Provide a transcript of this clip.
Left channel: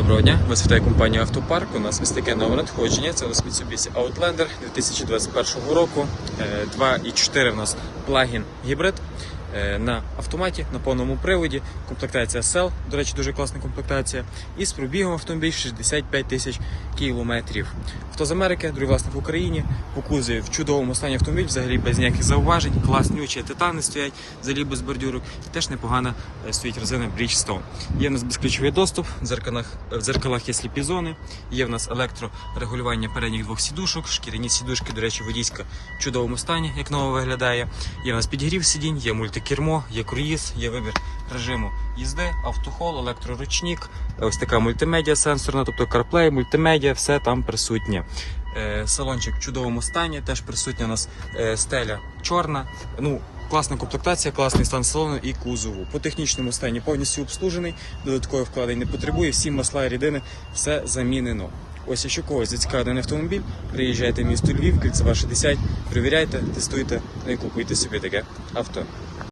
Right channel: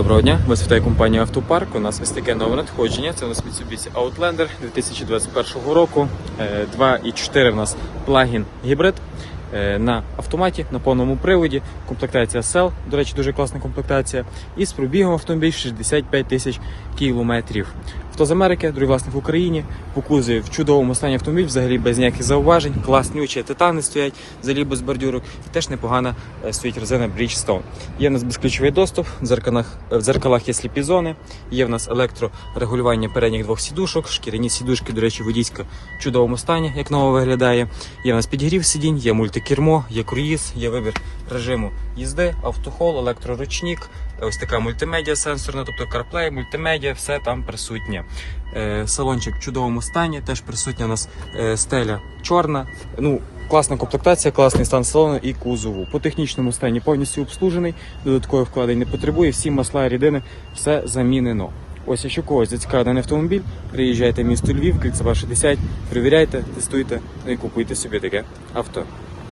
Доброго дня, вас вітає компанія Автопарк. У нас ось таке нове надходження. Це у нас Mitsubishi Outlander 2021 року. Е, 2.4 у нас плагін гібрид е, на автоматі, на повному приводі. Комплектація SEL, до речі, дуже класна комплектація. І з пробігом автомобіль 65 тисяч кілометрів. Авто з Америки, другий власник в Україні. По кузові в чудовому стані автомобіль, взагалі без ніяких зауважень. Класнючі титани стоять, взагалі без бордюрок. Теж непогана е, стоїть резина Bridgestone. Є в нас безключовий доступ, в дзеркалах, в дзеркалах є сліпі зони, є в нас електрорегулювання передніх двох сідушок, шкіряні сідушки, до речі, водійська в чудовому стані, як ново виглядає. Є в нас підігрів сидінь, є мультикермо, є круїз, є вибір режиму їзди, автохол, електроручник, ось така мультимедіа сенсорна, тобто CarPlay, мультимедіа, все там присутнє. Е, Салончик в чудовому стані, теж присутня у нас е, стеля чорна. Ну, класна комплектація, класний стан салону і кузову. По технічному стані повністю обслужений, додаткових вкладень не потребує, всі масла рідини, все замінено. Ось якщо когось зацікавив даний автомобіль, приїжджайте в місто Львів, кільцева 60, перевіряйте, тестуйте і купуйте собі таке авто.